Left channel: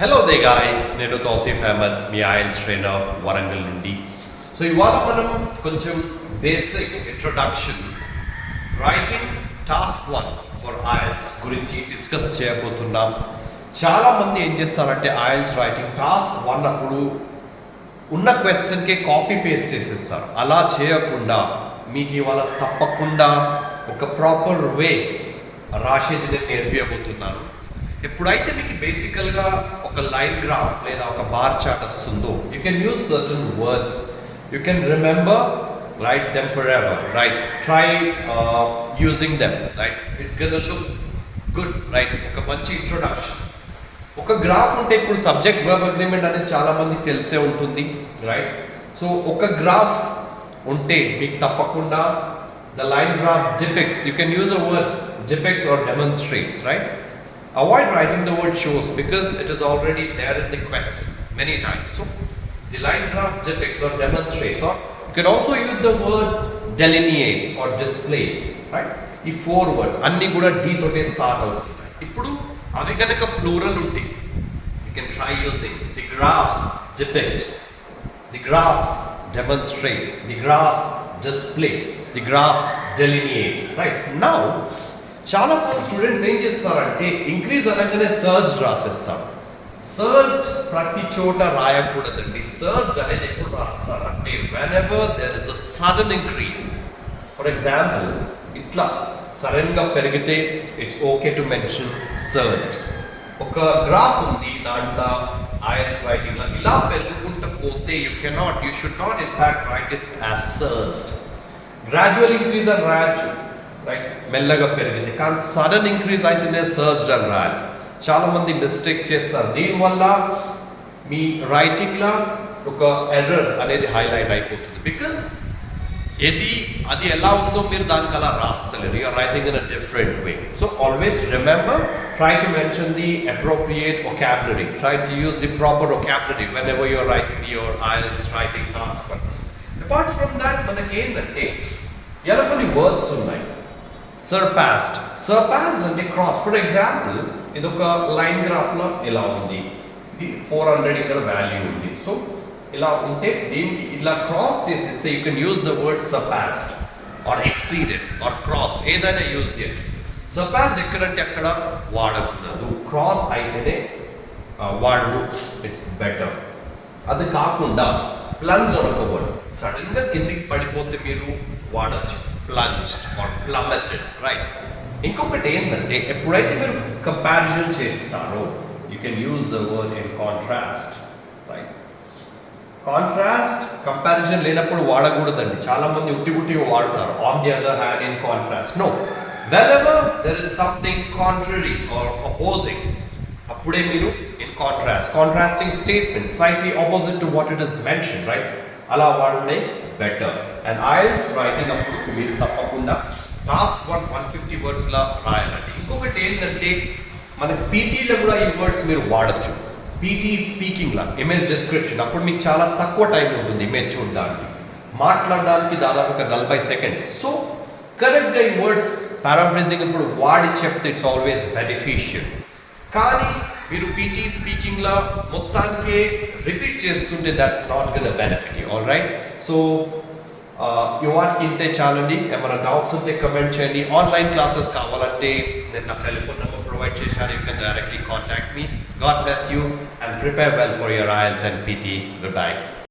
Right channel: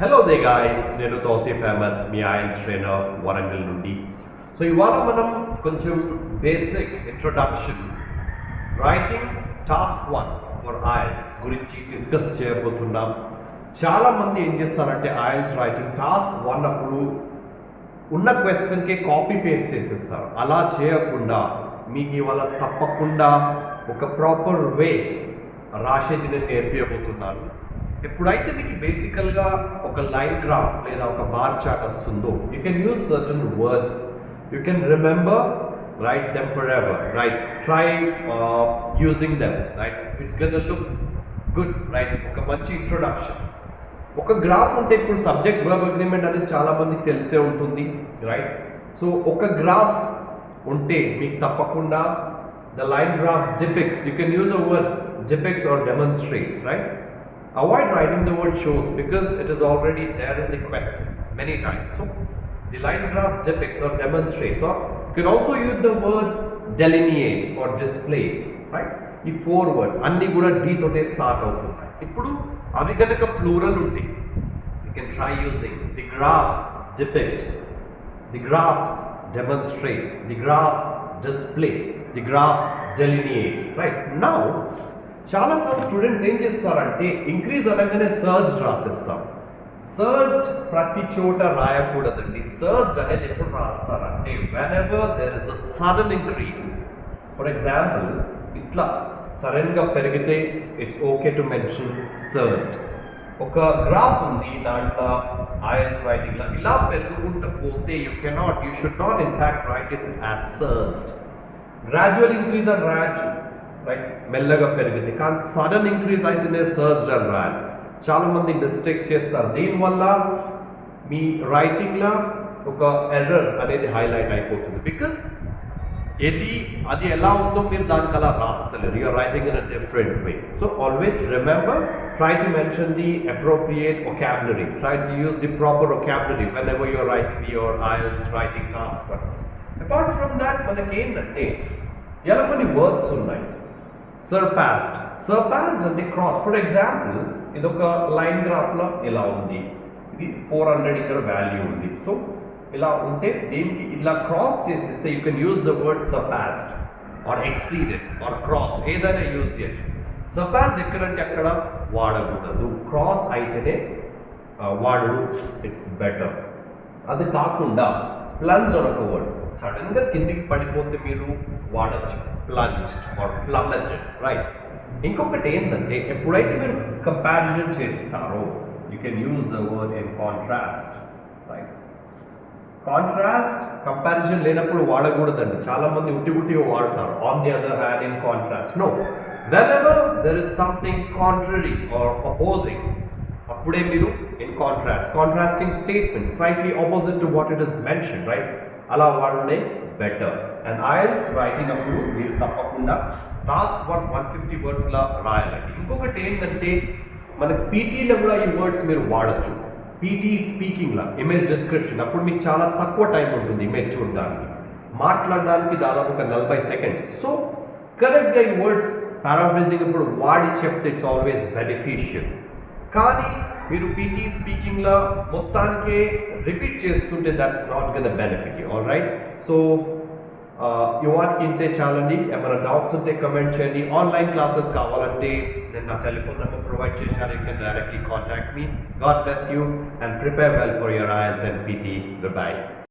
Hello they guys, నేను తౌసీఫ్ అహ్మద్, మీ IELTS trainer Warangal నుండి. సో ఇవాళ మనం కొంచెం basic introduction writing task 1 for IELTS గురించి డిస్కస్ చేయబోతున్నాం. చాలామంది ఏం చేస్తారంటే ఐఎల్స్ రైటింగ్ టాస్క్ 1 అప్పుడు ఉన్న క్వశ్చన్కి కాపీ పేస్ట్ చేసేస్తారు. అలా చేయకుండా మీకు ఇవాళ తప్పకుండా ఒక ప్రాపర్ వే రాసేది నేను నేర్పించబోతున్నాను. ఎప్పుడైతే మీకు బేసికల్గా ఒక లైన్ గ్రాఫ్ లేదా ఒక బార్ చార్ట్ వస్తుందో, you can use certain words, you can remember, write them for ever, right, try using them, right, it's gonna look good, right. ఒక మంచి ఇంట్రొడక్షన్. ఒక గ్రాఫ్ ఉంటే ఇప్పుడు సబ్జెక్ట్ వర్బ్ అగ్రిమెంట్ అనేది చాలా మందికి తెలిసే ఉంటుంది, రైట్. సో ఒక గ్రాఫ్ ఉంటే మీకు తప్పకుండా the line graph depicts, you can use a word depicts or demonstrates, right. Avoid writing the word shows because it is already there in the question many times. So the line graph depicts or demonstrates, or you can also use the word delineates or displays, right. ఈ 4 words అన్ని కూడా d తోటే స్టార్ట్ అవుతున్నాయి. ఇప్పుడు అవి కనుక ప్లూరల్ ఉంటే you can try using the graphs depict, the graphs demonstrate, the graphs display, the graphs delineate, right. Now చాలా స్టూడెంట్స్ ఏం చేస్తారంటే ఇంక్రీజ్ అనగానే సర్చ్డ్ రాసేస్తారు. సర్చ్డ్ ప్రతి చోట రాయకూడదండి. సర్చ్డ్ అనేది ఎప్పుడు రాస్తారంటే whenever there is a sudden increase. For example ఇట్లా సడన్గా పెరిగితే it's okay to mention searched. ఒక గ్రాఫ్ ఉంది, దాంట్లో ఐఎల్స్ రైటింగ్ ఇలా పెరుగుకుంటూ పోతే you should not in fact right it as searched. Gradual increase అని రాయొచ్చు, రైట్, మెల్లగా పెరిగితే. కానీ సడన్ ఇంక్రీజ్ అయితేనే సర్చ్డ్ అని రాయాలి. చాలా మంది మిస్టేక్ చేస్తారు. దీనివల్ల మీ రైటింగ్లో ఒక ఎర్రర్ అనేది హైలైట్ అయిపోతుంది. బికాస్ అది ఎలా ఉందో మీరు దానికి అలా రాస్తలేరు. You're writing in a different way. So always remember, try to mention the appropriate vocabulary, try to use the proper vocabulary whenever you're writing your IELTS writing task. Apart from that మనకి ఏంటంటే ఎలా కొన్ని వర్డ్స్ ఉన్నాయి. సర్పాస్డ్ అంటే cross. For example ఇది ఒక లైన్ గ్రాఫ్లో ఇలా ఉంది, ఇది 400 ఇక్కడ వాల్యూ ఉంది. సో ఇలా ఉంటే దీనికి ఇలా క్రాస్ చేసేస్తే you can use the word surpassed or exceeded or cross, ఏదైనా యూజ్ చేయొచ్చు. సర్పాస్డ్ ఎక్కడంటే అక్కడ వాడకూడదు, క్రాస్ అయితేనే వాడు, ఇట్స్ బెటర్. అది కాకుండా ప్లంజ్ ఒక వర్డ్, సడన్గా కిందికి పడిపోతే మీరు వాడచ్చు, plunged or plummeted, right. ఇంకొకటి ఏంటంటే ఎప్పుడైతే మీరు కంపారిజన్ చేస్తారో you can use the word in contrast, right. Contrast comparison లేనప్పుడు వాడకూడదండి. చాలా మంది ఉట్టి వాడతారు. On the other hand in contrast, no. whenever there is something contrary or opposing, అప్పుడే మీరు in contrasting statement slightly opposite to what it is mention, right, అలా వాడే బెటర్. అండ్ ఐఎల్స్ రైటింగ్ అప్పుడు మీరు తప్పకుండా టాస్క్ 150 వర్డ్స్లా రాయాలండి. ఇంకొకటి ఏంటంటే మన పీటీలో కూడా ఈ వర్డ్స్ మీరు వాడచ్చు. పీటీ స్పీకింగ్లా ఇమేజ్ డిస్క్రిప్షన్, అప్పుడు మీకు చాలా తక్కువ టైం ఉంటుంది ఇమేజ్ చూడడానికి, మాట్లాడడానికి దాదాపు ఒక 40 సెకండ్స్. సో కరెక్ట్గా ఈ వర్డ్స్ పారాఫ్రేజింగ్ ఇప్పుడు వాడి చెప్తే ఇట్స్ ఆల్వేస్ బెనిఫిషియల్. కానీ మీరు పీటీ స్పీకింగ్లో మొత్తానికే రిపీట్ చేస్తుంటే that's not gonna benefit you, all right. So ఈ వాటికి ఇంతే చాలండి. ఏమైనా డౌట్స్ ఉంటే కమెంట్ చేయండి. ఆన్లైన్ క్లాసెస్ కావాలంటే నేను నా టెలిఫోన్ నెంబర్ ప్రొవైడ్ చేశాను. You can directly contact me. God bless you and prepare well for your IELTS and PT. Good bye.